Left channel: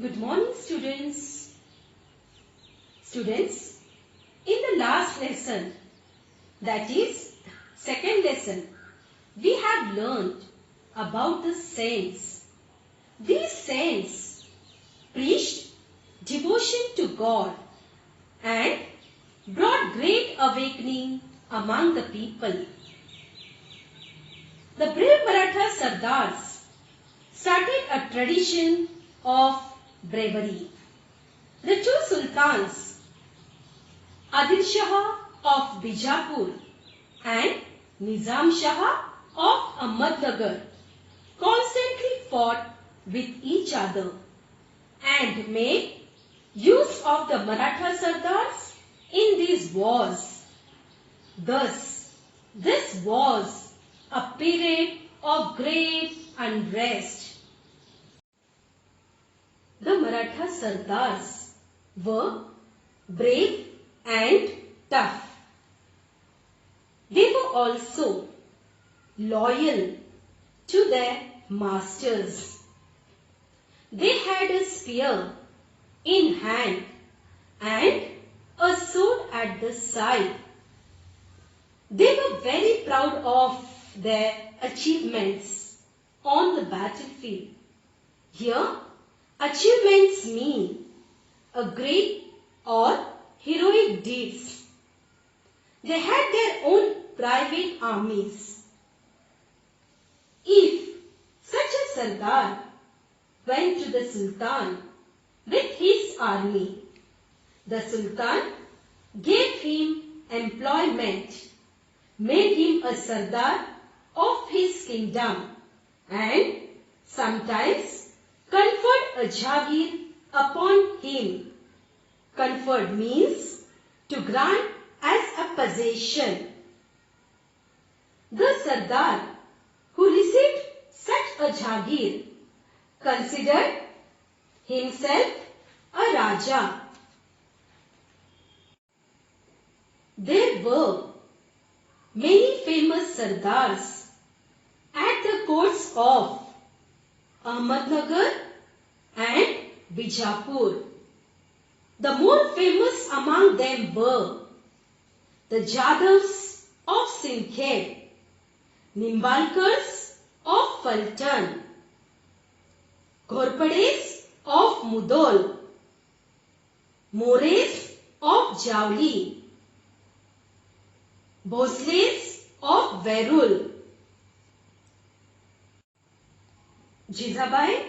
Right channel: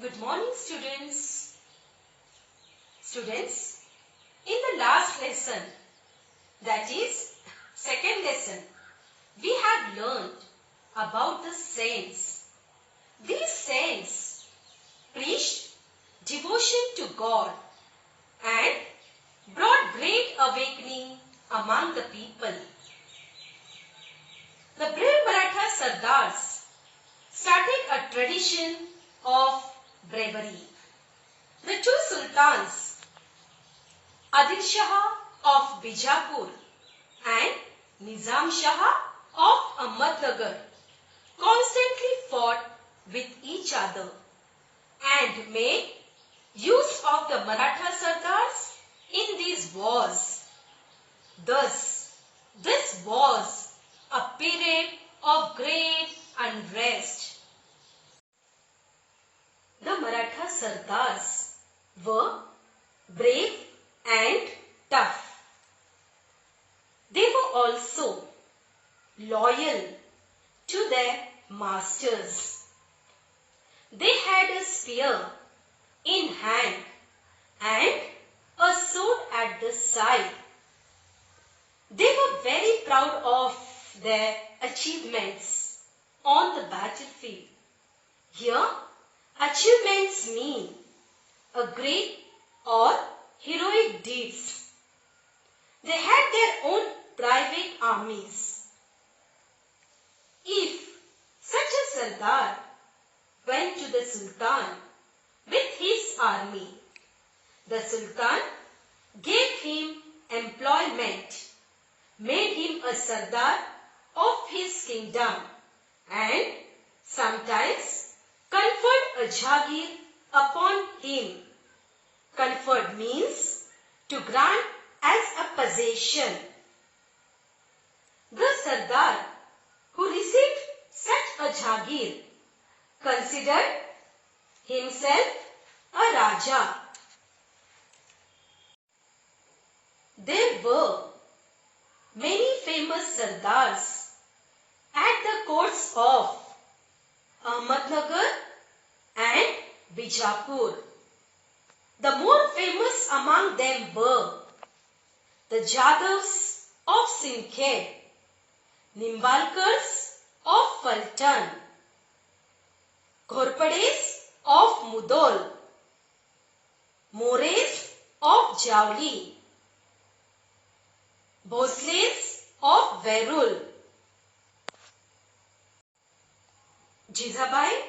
Good morning, students. Students, in the last lesson, that is second lesson, we have learned about the saints. These saints preached devotion to God and brought great awakening among the people. The brave Maratha Sardars started a tradition of bravery. The two sultans, Adil Shah of Bijapur and Nizam Shah of Ahmednagar, constantly fought with each other and made use of the Maratha Sardars in these wars. Thus, this was a period of great unrest. The Maratha Sardars were brave and tough. They were also loyal to their masters. They had a spear in hand and a sword at the side. They were very proud of their achievements on the battlefield. Here, achievements mean a great or heroic deeds. They had their own private armies. If such a Sardar went to the Sultan with his army, the Sultan gave him employment, made him a Sardar of his kingdom, and sometimes conferred a Jagir upon him. Conferred means to grant as a possession. The Sardar who received such a Jagir considered himself a Raja. There were many famous Sardars at the courts of Ahmednagar and Bijapur. The more famous among them were the Jadavs of Sindkhed, Nimbalkars of Faltan, Ghorpades of Mudhol, Mores of Jauli, Bhosles of Verul. Jizabai,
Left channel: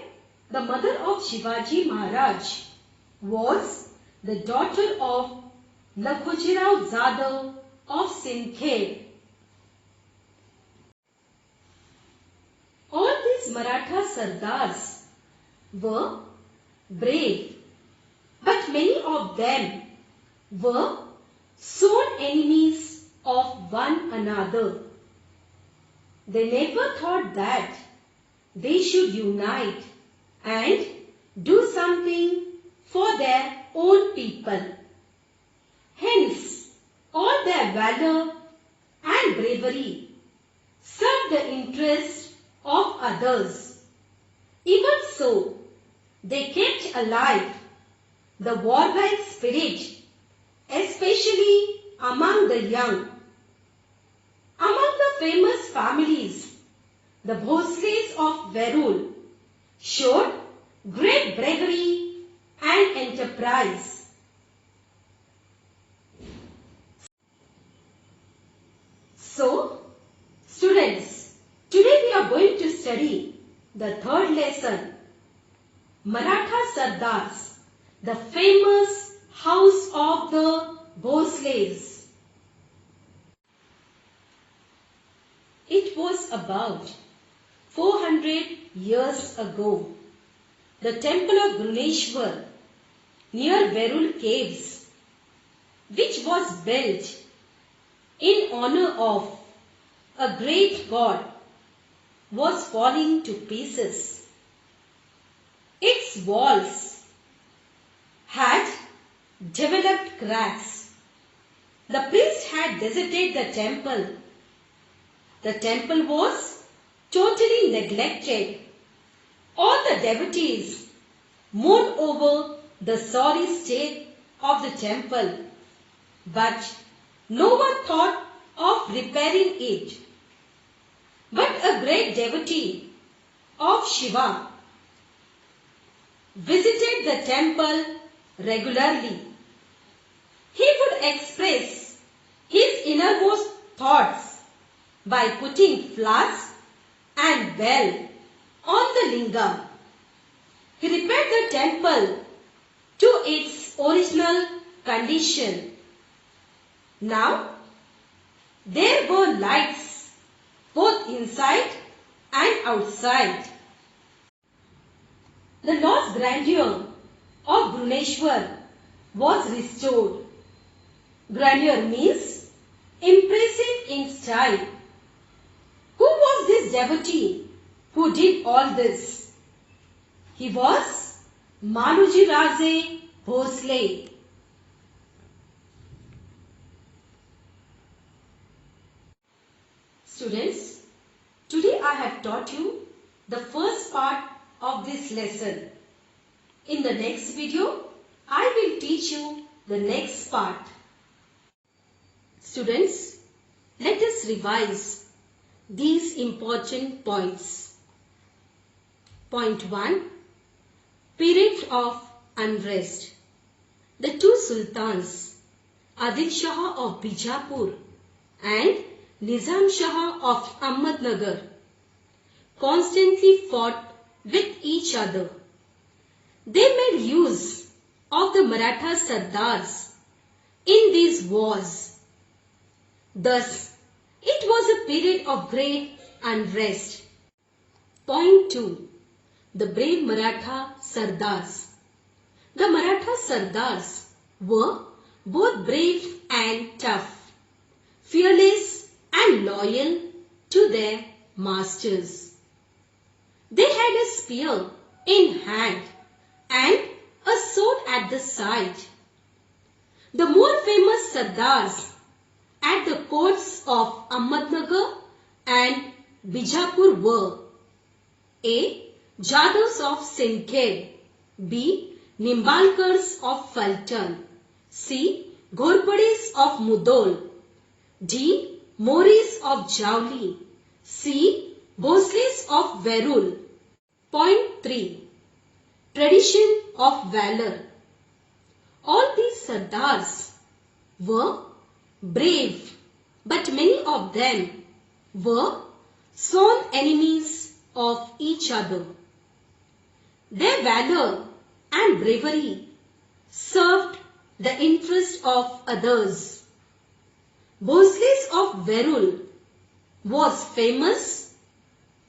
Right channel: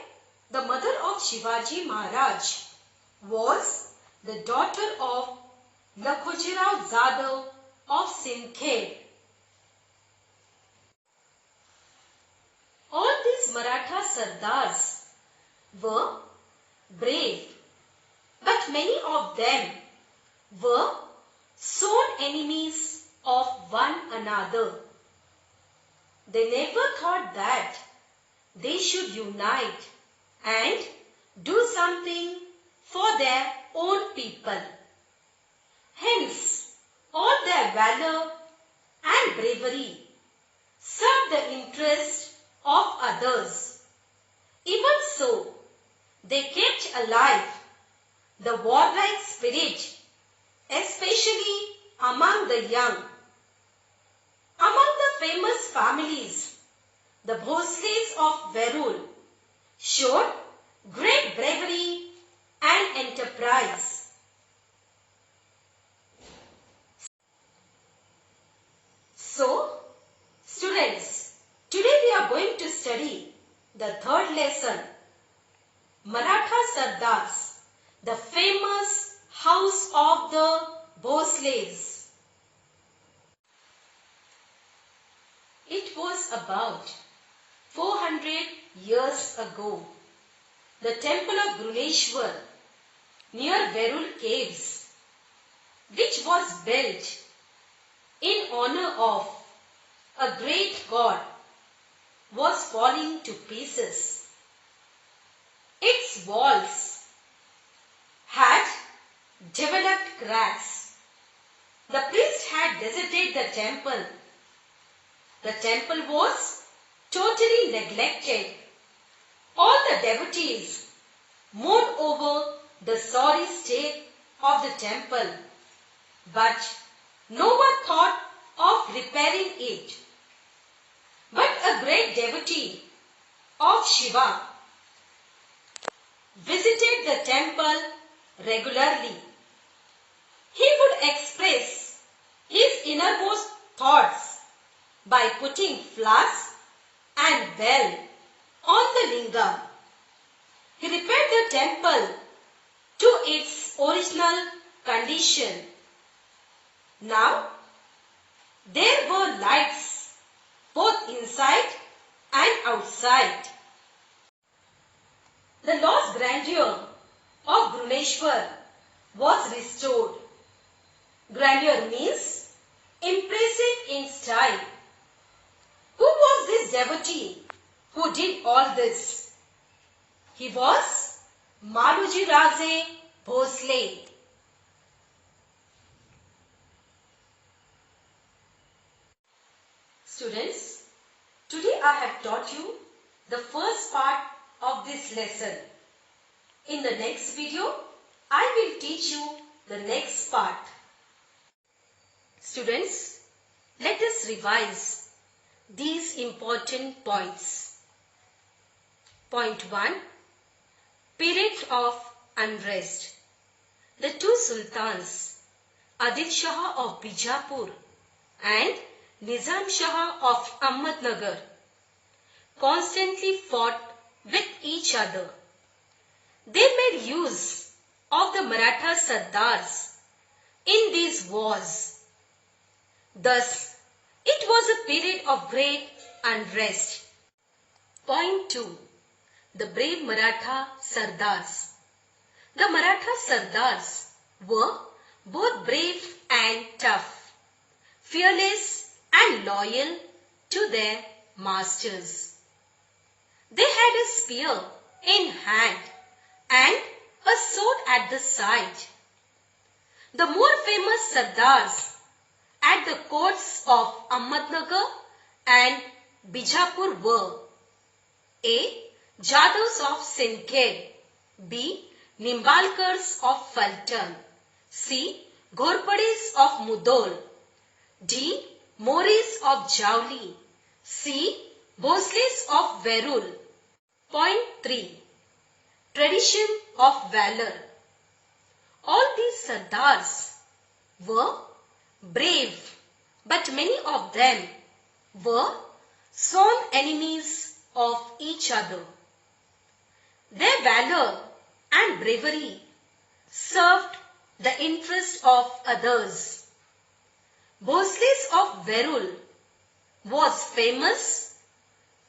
the mother of Shivaji Maharaj, was the daughter of Lakhujirao Zadav of Sindkhed. All these Maratha Sardars were brave, but many of them were sworn enemies of one another. They never thought that they should unite and do something for their own people. Hence, all their valor and bravery served the interest of others. Even so, they kept alive the warlike spirit, especially among the young. Among the famous families, the Bhosles of Verul showed great bravery and enterprise. So, students, today we are going to study the third lesson, Maratha Sardars, the famous house of the Bhosles. It was about 400 years ago. The temple of Gruneshwar near Verul caves, which was built in honor of a great god, was falling to pieces. Its walls had developed cracks. The priest had deserted the temple. The temple was totally neglected. All the devotees mourned over the sorry state of the temple, but no one thought of repairing it. But a great devotee of Shiva visited the temple regularly. He would express his innermost thoughts by putting flowers and bell on the lingam. He repaired the temple to its original condition. Now, there were lights both inside and outside. The lost grandeur of Gruneshwar was restored. Grandeur means impressive in style. Who was this devotee who did all this? He was Maluji Raje Bhosle. Students, today I have taught you the first part of this lesson. In the next video, I will teach you the next part. Students, let us revise these important points. Point 1. Period of unrest. The two sultans, Adil Shah of Bijapur and Nizam Shah of Ahmednagar, constantly fought with each other. They made use of the Maratha Sardars in these wars. Thus, it was a period of great unrest. Point 2. The brave Maratha Sardars. The Maratha Sardars were both brave and tough, fearless and loyal to their masters. They had a spear in hand and a sword at the side. The more famous Sardars at the courts of Ahmednagar and Bijapur were A. Jadavs of Sinkhed, B. Nimbalkars of Faltan, C. Ghorpadis of Mudol, D. Moris of Javli, C. Bhosles of Verul. Point 3. Tradition of valor. All these Sardars were brave, but many of them were sworn enemies of each other. Their valor and bravery served the interest of others. Bhosles of Verul was famous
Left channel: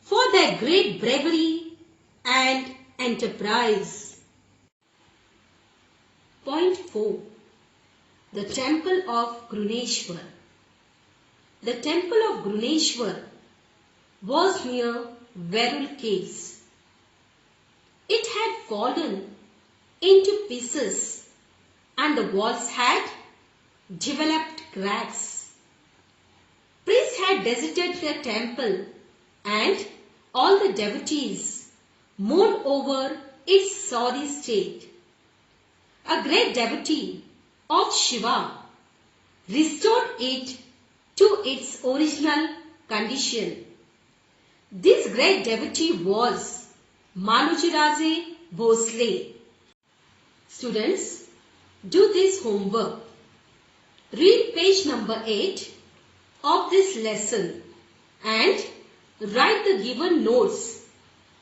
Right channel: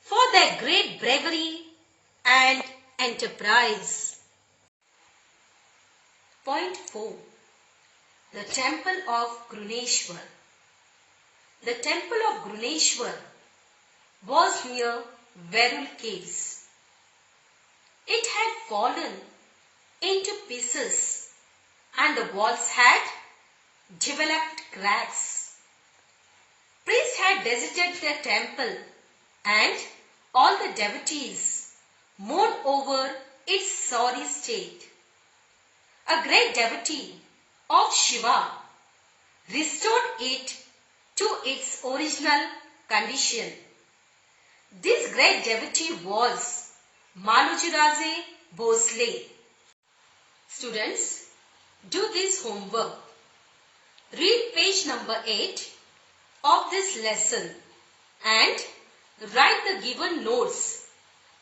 for their great bravery and enterprise. Point 4. The Temple of Gruneshwar. The Temple of Gruneshwar was near Verul caves. It had fallen into pieces and the walls had developed cracks. Priests had deserted the temple and all the devotees mourned over its sorry state. A great devotee of Shiva restored it to its original condition. This great devotee was Maluji Raje Bhosle. Students, do this homework. Read page number 8 of this lesson and write the given notes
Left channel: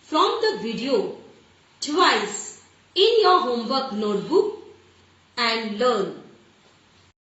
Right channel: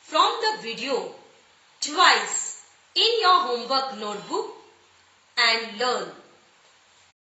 from the video twice in your homework notebook and learn.